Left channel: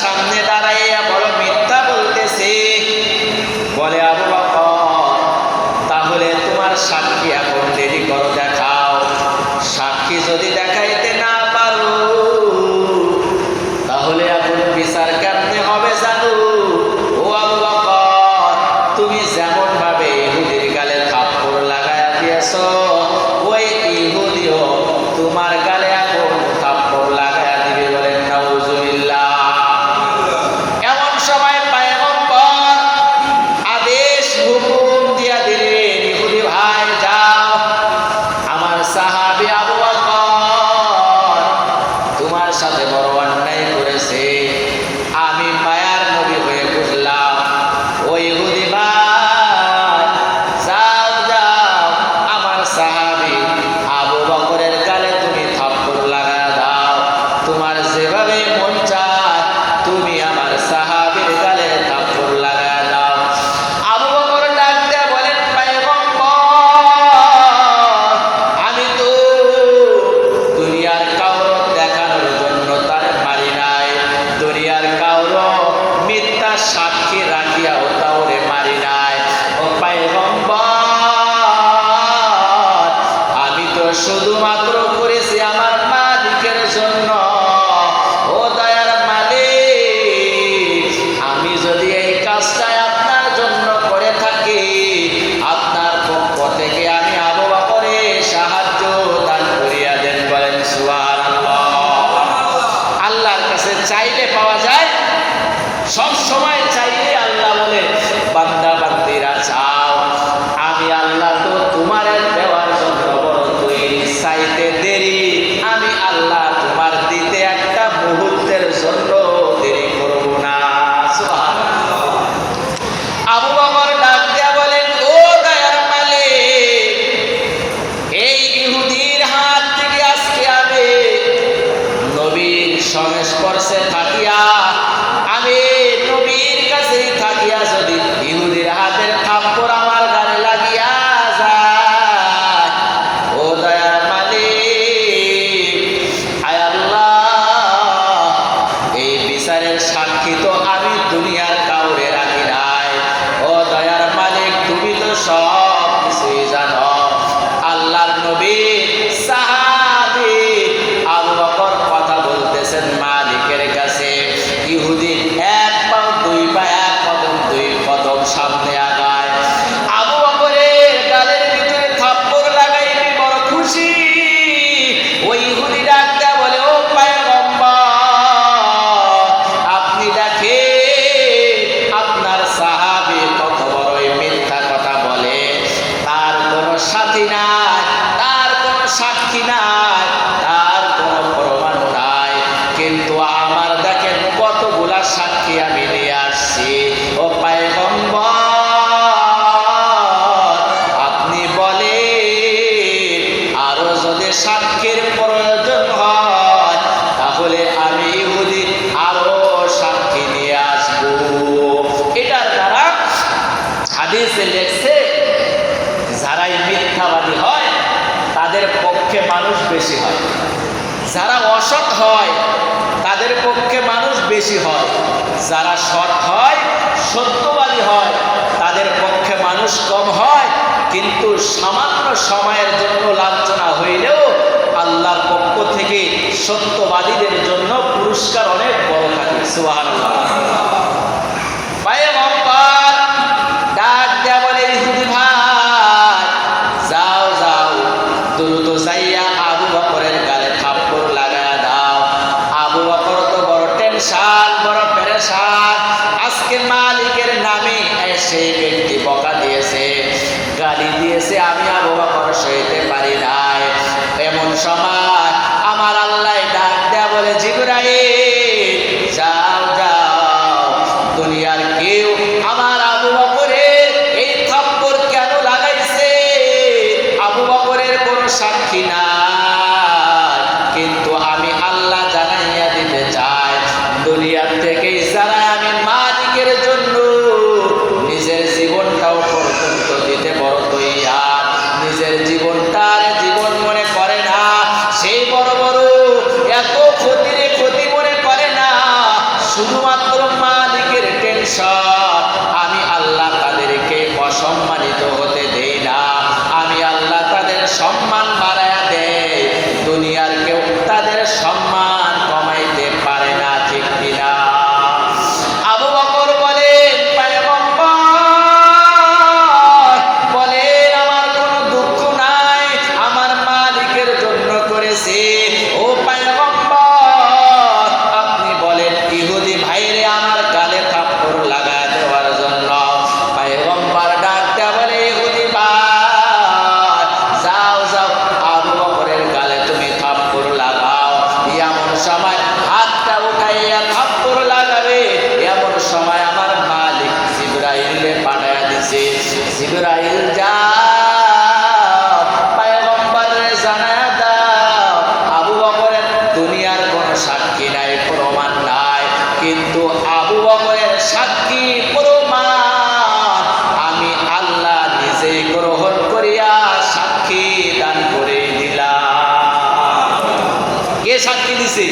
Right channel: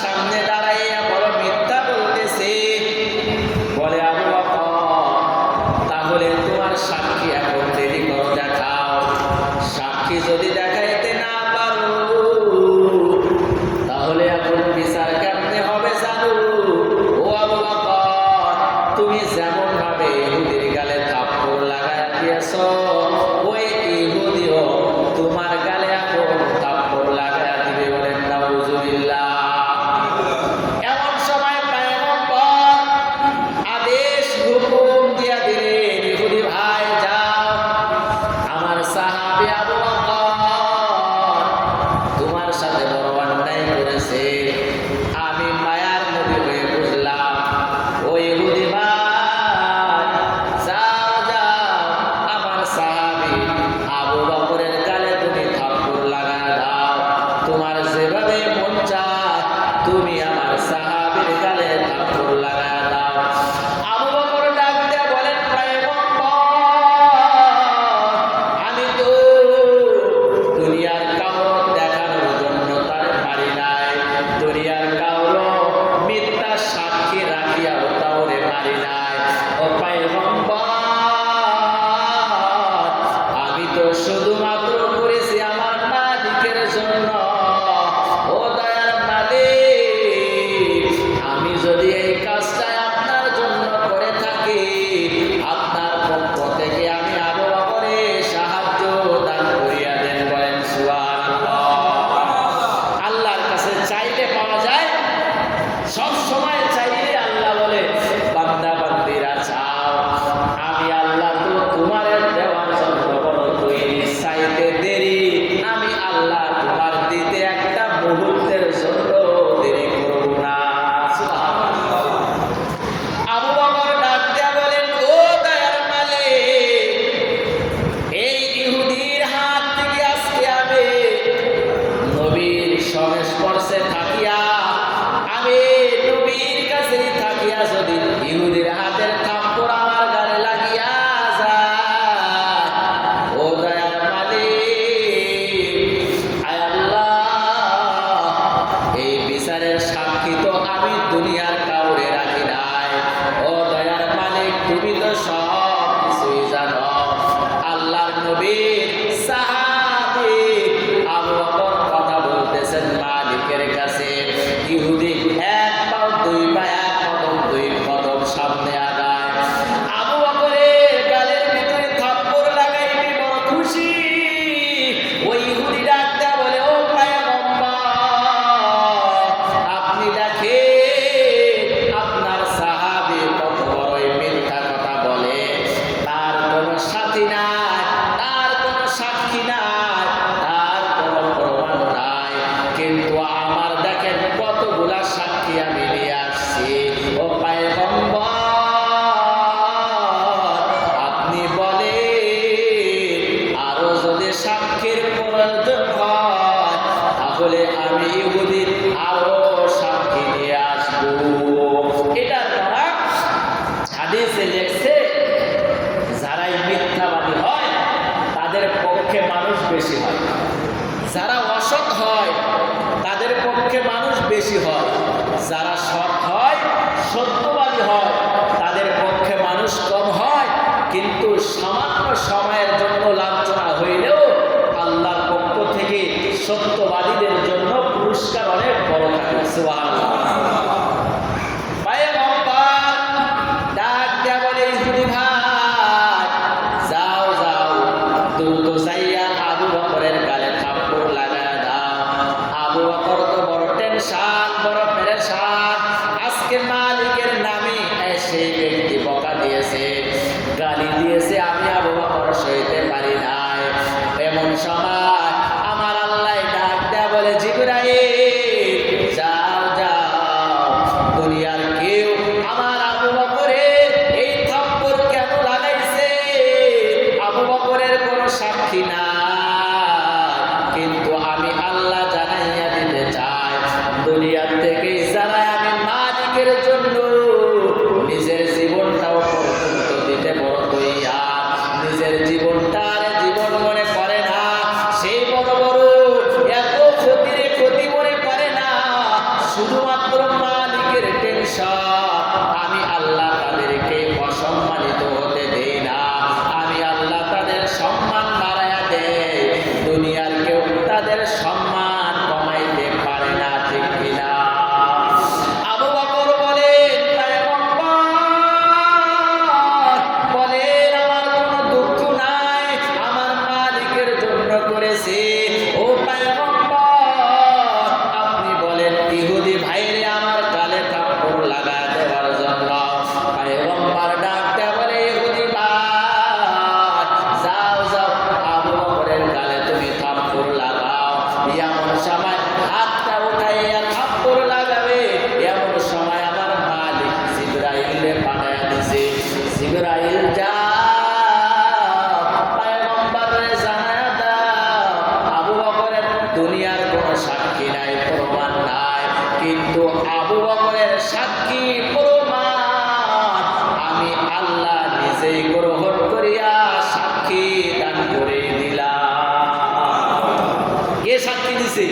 সামনে দাঁড়াইয়া বড় মিথ্যা বলতেছে। বলে আবু বকর, তাহলে তোমার সাক্ষী এখন দেরি করো, দেখাও। সাক্ষী যদি দেখাইতে না পারো তাহলে এখন বিচার কেমনে হবে জানো? ও আবু বকর, তুমি যেমন ভাবে ইহুদির গালে থাপ্পড় লাগায়া দিয়েছো, ওই ইহুদিও তোমার গালে এখন থাপ্পড় লাগায়া দিবে। বলেন নাউজুবিল্লাহ। এমন সময় পয়গম্বর আদেশ হুকুম দিয়া দিলেন, ইহুদি ভাই যাও, আমার সাহাবী আবু বকর তোমার সাথে বড় অন্যায় করেছে। আমি মায়ার নবী হয়ে বুঝলাম। ওই ইহুদি ভাই যাও যাও, আমার সাহাবী আবু বকরের গালে তুমি থাপ্পড় লাগায়া দাও। তোমার যেভাবে মন চায় তুমি আমার সাহাবীর গালে থাপ্পড় লাগায়া দাও। আবু বকর ডাক দিয়ে বলেন, পয়গম্বর, আমি তো দুনিয়ার কাউর দেখানোর জন্য তার মারি নাই, দুনিয়ার কাউর মিথ্যা সাক্ষী রাখিয়াও তাওরে মারি নাই। ও পয়গম্বর, আমি তো শুধুমাত্র করেছি আমার মালিকের জন্য। ও দয়ার মালিক, আমি যদি এই কাজটা আপনার জন্য করে থাকি, আপনার পক্ষ থেকে আমি আবু বকরের সাহায্য দান করিয়া দেন। বলেন সুবহানাল্লাহ। আল্লাহর কাছে চাইলে পাওয়া যায়, সব সময় চাইলে আল্লাহ বলে, বান্দা বান্দিরা চাও, আমি আল্লাহ তো তোমার দেওয়ার জন্য বড় তৈরি। চাইতে দেরি, আমি আল্লাহ তোমার দিতে একটা মুহূর্তের জন্য দেরি করব না। সুবহানাল্লাহ। আবু বকর ডাক দিয়া বলেন, ও দয়ার মালিক, এই ইহুদির হাত থেকে আজকে আমি নবীর সংস্পর্শে থাকিয়া, আমি নবীর কাছেই থাকিয়া যদি ইহুদির হাতের থাপ্পড় আমার গালে লাগিয়া যায়, ও দয়ার মালিক, আয় আল্লাহ, এই বিচারের সাক্ষী তো আমি দুনিয়ার কাউরে রাখি নাই। ও দয়ার মালিক, তুমি তো সব কিছুই জানো। আল্লাহর নবীর সাহাবী আবু বকর কথা বলতেছেন মালিকের কাছে। ইহুদি এক পাও দুই পা, এক কদম দুই কদম সামনে আগায়। আবু বকরের গালের ভিতরে থাপ্পড় লাগাইতে বড় খুশি। ওই ইহুদি ডাক দেয়া বলে, ও পয়গম্বর, আপনি দেখেন আপনার সাহাবী কত বড়ই মিথ্যা কথা বলে। তার কোনো সাথী নাই, তার কোনো সাক্ষী নাই, তার কোনো প্রমাণ নাই, কিন্তু আমার দেখেন কতগুলা সাক্ষী আমি নিয়ে আসছি। ও পয়গম্বর, আপনি বলে আরো যদি সাক্ষীর প্রয়োজন হয় তাহলে আমি ইহুদি আরো সাক্ষী নিয়ে আসবো। এটার দ্বারা হাদিসে লেখছে, যারাই মিথ্যাবাদী হয় তাদের পক্ষে মানুষ বেশি হয়, যারা অসৎ হয় তাদের পক্ষে মানুষ বেশি হয়, যারা সৎ হয় সত্যবাদী হয় তাদের পক্ষে মানুষ কম হয়। কিন্তু সামান্য সময়ের জন্য লাঞ্ছনা হইলেও আল্লাহর পক্ষ থেকে সত্যবাদীদের জন্য পুরস্কার অনেক বড় থাকে। সুবহানাল্লাহ। পয়গম্বর ডাক দেয়া বলে, ইহুদি ভাই যাও যাও, দ্রুত যাইয়া আবু বকরের গালে থাপ্পড় লাগায়া দাও। আবু বকর তো বড় টেনশন, বড় পেরেশান। আজকে মালিকের নামে সেই ব্যক্তি বকা দিয়েছে, গালি দিয়েছে, আমি আবু বকর সইতে পারি নাই। এমন সময় আমার আল্লাহ ডাক দেয়া বলে, জিবরাইল যাও যাও, দুনিয়ার কেউ আমার আবু বকরের এই থাপ্পড় কেন লাগাইছে, আবু বকরের কোনো সাক্ষী নাই, কিন্তু আমি আল্লাহ জানাইয়া দিতে চাই, দুনিয়ার থেকে যারা আমি মালিকের জন্য নিজের জীবনটাও পর্যন্ত দিতে বড় তৈয়ার, নিজের জীবনটার জীবন মনে করে না, সেই বড় বড় এত ক্ষতি মনে করে না, শুধুমাত্র মালিকের টেনশন, আমি আল্লাহ তাদেরকে অসম্মানিত হতে দেই না, আমি আল্লাহ তাদের সম্মান বাড়ায়া দেই, দুনিয়ার কেউ তাদের সম্মান কমাইতে পারে না, ঠিক কিনা? আবু বকর বলেন, পয়গম্বর বলেন, আমার কোনো দুঃখ নাই, আমার মালিকের জন্য করেছি। ও পয়গম্বর, আপনি বলেন ইহুদি ভাইরে আমার গালে থাপ্পড় লাগা দেওয়ার জন্য। পয়গম্বর ডাকতে বলে, ইহুদি ভাই যাও যাও, আবু বকরের গালে তুমি থাপ্পড় লাগাও। এমন সময় হাতটা উঠাইয়া থাপ্পড় লাগাবে, এমন সময় আমার মালিক জিবরাইলে পাঠায়া দিছে। জিবরাইল যাও, পয়গম্বরের জানায়া দাও, আবু বকরের দুনিয়ার কোনো সাক্ষী নাই, প্রমাণ নাই, কিন্তু আবু বকরের সাক্ষী প্রমাণ আমি আল্লাহ নিজেই গ্রহণ করিয়া সাক্ষী দান করে দিলাম। কে সাক্ষী দিছে?